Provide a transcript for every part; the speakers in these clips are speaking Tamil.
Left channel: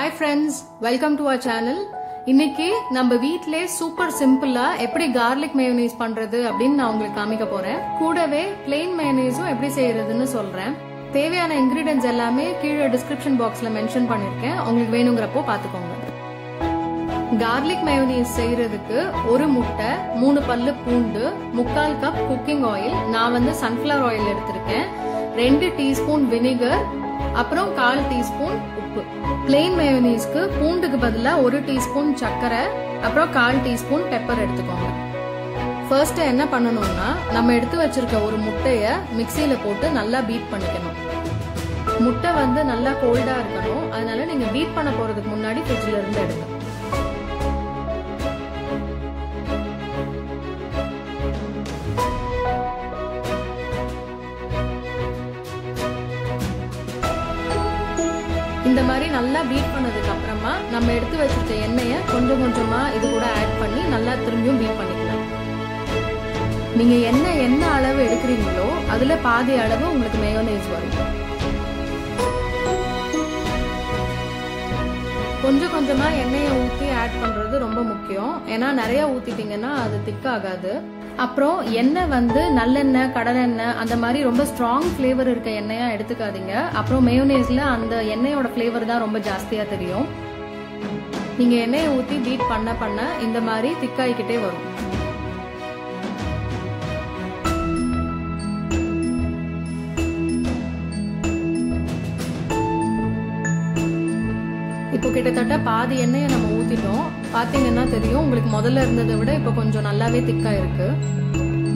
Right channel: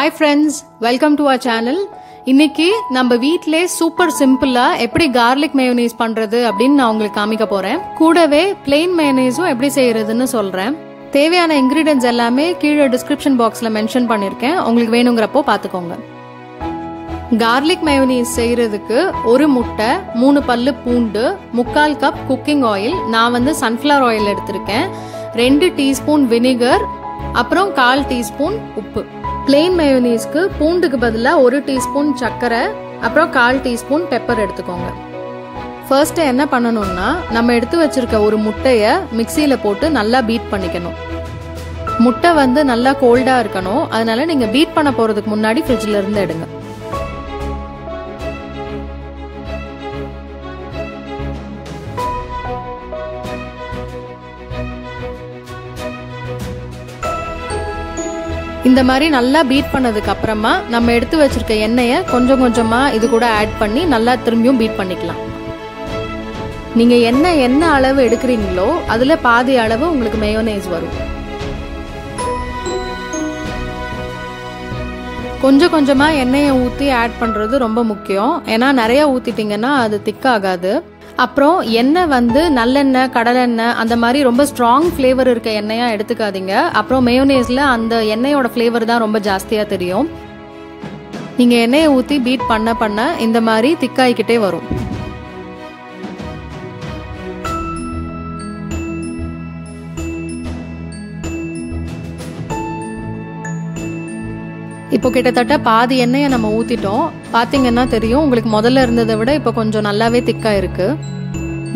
Hi friends, welcome to our channel. இன்னைக்கு நம்ம வீட்லயே சூப்பர் சிம்பிளா எப்படி garlic mayonnaise பண்றது அப்படினு நான் உங்களுக்கு காமிக்க போறேன். கூடவே plain mayonnaise எப்படி செய்யறதுன்னு சொல்றேன். தேவையான ingredients எல்லாமே கீழ description boxல மென்ஷன் பண்ணிருக்கேன். உங்களுக்கு வேணும்ங்கறப்போ பாத்துக்கோங்க. garlic mayonnaise செய்யறதுக்கு ஒரு முட்டை, 3 பல்லு பூண்டு, 1/4 கப் குக்கிங் ஆயில், நான் வந்து sunflower oil எடுத்திருக்கேன், 2 டீஸ்பூன் வினிகர், அப்புறம் 1/4 டீஸ்பூன் உப்பு. plain mayonnaiseக்கு பூண்டுக்கு பதிலா 1 டீஸ்பூன் சர்க்கரை, அப்புறம் 1/4 டீஸ்பூன் பெப்பர் எடுத்துக்கோங்க. ஃபர்ஸ்ட் என்ன பண்ணணும்னா, நம்ம எடுத்து வச்சிருக்க ஒரு முட்டைய மிக்ஸில போட்டு நல்லா பீட் பண்ணிக்கணும். முட்டை வந்து நல்லா கோல்டா இருக்கணும், அதனால நீங்க பீட் பண்ண போறதுக்கு முன்னாடி ஃப்ரிட்ஜ்ல இருந்து எடுங்க. இந்த மாதிரி நல்லா பீட் பண்ணதுக்கு அப்புறமா நம்ம எடுத்து வச்சிருக்க எண்ணெயை கொஞ்சம் கொஞ்சமா இது கூட ஆட் பண்ணி நல்லா திரும்பியும் பீட் பண்ணிக்கலாம். நீங்க என்ன அளவு எடுக்கிறீங்களோ அதுல பாதி அளவு உங்களுக்கு மேயோனேஸ் வரும். கொஞ்சம் கொஞ்சமா எண்ணெயை ஊத்தி ஆட் பண்றது ரொம்ப முக்கியம். ஏன்னா நிறைய ஊத்திட்டீங்கன்னா அது திக்காகாது. அப்புறம் எண்ணெய் வந்து நல்லெண்ணெய், கடலெண்ணெய் அந்த மாதிரி ரொம்ப ஸ்ட்ராங் ஃப்ளேவர் இருக்க எண்ணெயா எடுத்துக்காதீங்க. அப்புறம் மேயோனேஸ்ல அந்த எண்ணெயோட ஃப்ளேவர் தான் ரொம்ப ஜாஸ்தியா தெரியும். நீங்க எண்ணெயை ஊத்தி பீட் பண்ண பண்ண இந்த மாதிரி திக்காயிக்கிட்டே வரும். இப்போ கிட்டத்தட்ட பாதி எண்ணெயை நம்ம ஊத்திட்டோம். பாத்தீங்கன்னா தெரியும், உங்களுக்கு முதல்ல இருந்ததை விட இப்போ கொஞ்சம் நல்லாவே திக்கா இருக்கு.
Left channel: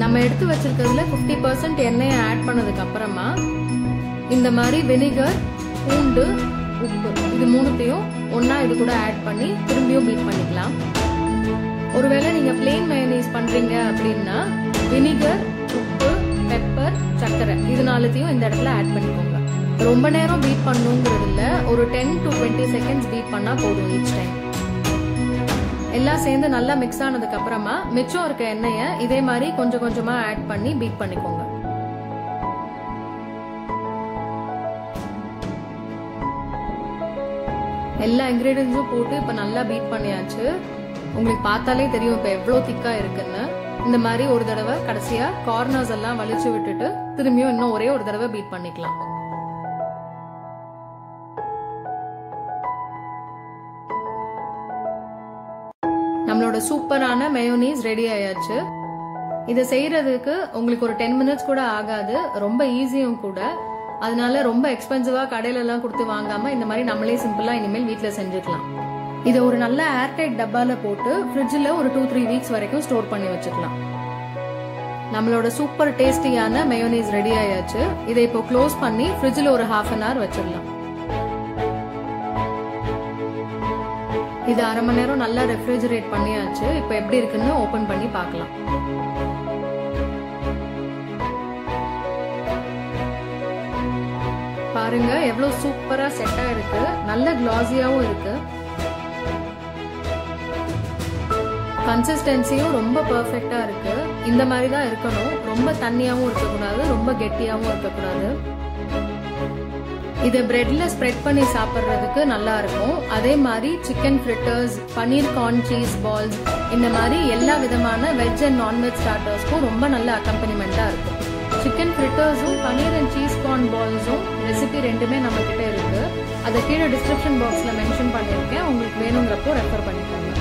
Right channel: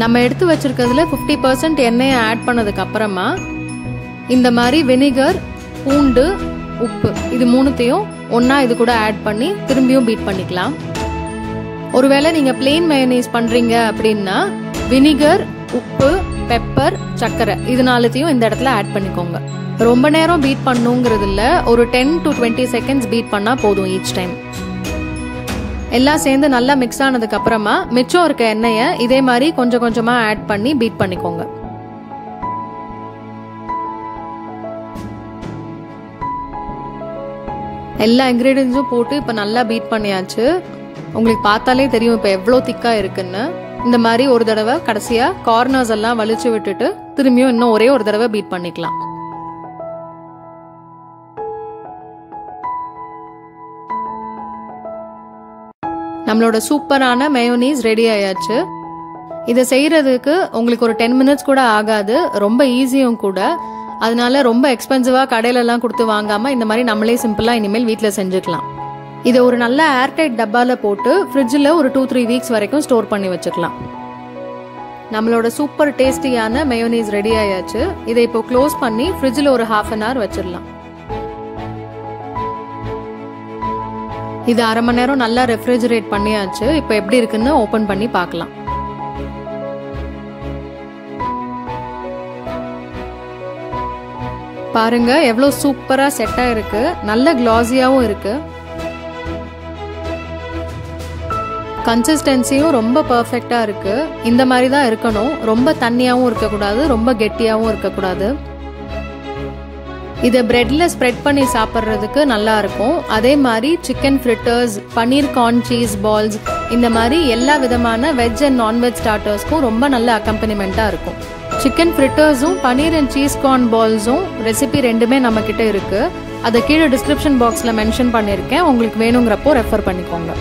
நம்ம எடுத்து வச்சிருக்கிறதுல 50% எண்ணெயை ஆட் பண்ணதுக்கு அப்புறமா இந்த மாதிரி வினிகர், பூண்டு, உப்பு இது மூணுத்தையும் ஒன்னா இது கூட ஆட் பண்ணி திரும்பியும் பீட் பண்ணிக்கலாம். ஒருவேளை நீங்க பிளெயின் மயோனைஸ் பண்றீங்க அப்படின்னா வினிகர், உப்பு, பெப்பர், சர்க்கரை இது நாலுத்தையும் இந்த இடத்துல ஆட் பண்ணிக்கோங்க. ரொம்ப நேரம் பீட் பண்ணுங்கிறது இல்ல, ஒரு 10 to 20 செகண்ட்ஸ் பீட் பண்ணா போதும் ஈச் டைம். எல்லாம் சேர்ந்து நல்லா மிக்ஸ் ஆனதுக்கு அப்புறமா மிச்சம் இருக்க எண்ணெயை இதே மாதிரி கொஞ்சம் கொஞ்சமா ஆட் பண்ணி பீட் பண்ணிக்கோங்க. எல்லா இன்கிரீடியன்ஸும் போட்டு இப்ப நல்லா பீட் பண்ணியாச்சு. உங்களுக்கு பார்த்தாலே தெரியும் இப்ப எவ்வளவு திக்கா இருக்குன்னு. இந்த மாதிரி ஒரு தடவை கடைசியா கார்னர்ஸ் எல்லாம் வலிச்சு விட்டுட்டு திரும்பியும் இன்னும் ஒரே ஒரு தடவை பீட் பண்ணிக்கலாம். நம்மளோட சூப்பரான மேயோனீஸ் ரெடி ஆயாச்சு. இதை செய்யறதுக்கு உங்களுக்கு ஒரு 10 மினிட்ஸ் கூட ஆகாது, ரொம்ப ஈஸியும் கூட. அதனால ரொம்ப எக்ஸ்பென்சிவா கடையில எல்லாம் கொடுத்து வாங்காம இந்த மாதிரி நம்மளே சிம்பிளா இனிமேல் வீட்ல செஞ்சுக்கலாம். இதை ஒரு நல்ல ஏர்டைட் டப்பால போட்டு ஃப்ரிட்ஜில் ஒரு 2-3 வீக்ஸ் வரைக்கும் ஸ்டோர் பண்ணி வச்சுக்கலாம். நம்மளோட சூப்பர் டேஸ்டியான மேயோனீஸ் ரெடி ஆயாச்சு. இதை இப்போ க்ளோஸ் பண்ணி ஃப்ரிட்ஜில் ஒரு 1/2 hour வச்சிடலாம். இது 1/2 மணி நேரம் நல்லா ரெஃப்ரிஜரேட் பண்ணியாச்சு. இப்போ எப்படி இருக்குன்னு ஓபன் பண்ணி பார்க்கலாம். பாருங்க எவ்வளவு சூப்பரா செட்டா இருக்கு, நல்ல கிளாஸியாவும் இருக்கு. கன்சிஸ்டன்சியும் ரொம்ப பெர்ஃபெக்ட்டா இருக்கு. இந்த மாதிரி தான் இருக்கணும். ரொம்ப தண்ணியாவும் இருக்கக்கூடாது, ரொம்ப கெட்டியாவும் இருக்கக்கூடாது. இதை பிரெட்ல ஸ்ப்ரெட் பண்ணி சாப்பிட்றதுக்கு நல்லா இருக்கும். அதே மாதிரி சிக்கன் ஃப்ரிட்டர்ஸ், பன்னீர் கார்ன் சீஸ் பால்ஸ் இந்த மாதிரி எல்லா விதமான வெஜ் அண்ட் நான்வெஜ் ஸ்டார்டர்ஸ்க்கும் ரொம்ப நல்ல அக்கம்பனிமெண்டா இருக்கும். சிக்கன் ஃப்ரிட்டர்ஸும் பன்னீர் அண்ட் சீஸ் கார்ன் பால்ஸும் ரெசிபி ரெண்டுமே நம்ம கிட்ட இருக்கு. அதை கீழே டிஸ்கிரிப்ஷன் பாக்ஸ்ல மென்ஷன் பண்ணிருக்கேன், உங்களுக்கு வேணுங்கிறப்போ ரெஃபர் பண்ணிக்கோங்க.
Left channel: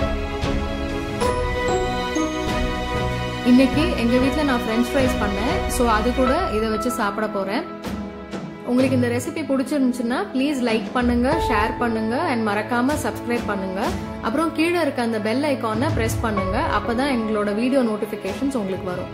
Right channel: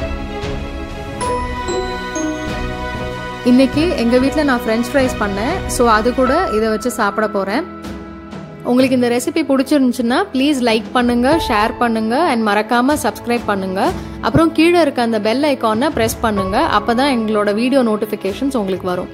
இன்னைக்கு எங்க வீட்டில் நான் ஃப்ரெஞ்ச் ஃப்ரைஸ் பண்ணேன், ஸோ அது கூட இதை வச்சு சாப்பிட போறேன். உங்களுக்கு இந்த ரெசிபி பிடிச்சிருந்துச்சுன்னா ப்ளீஸ் லைக் பண்ணுங்க, ஷேர் பண்ணுங்க அண்ட் மறக்காம சப்ஸ்கிரைப் பண்ணுங்க. அப்புறம் கீழே இருக்க அந்த பெல் ஐகானை பிரஸ் பண்ணுங்க, அப்பதான் எங்களோட வீடியோ நோட்டிபிகேஷன்ஸ் உங்களுக்கு வரும்.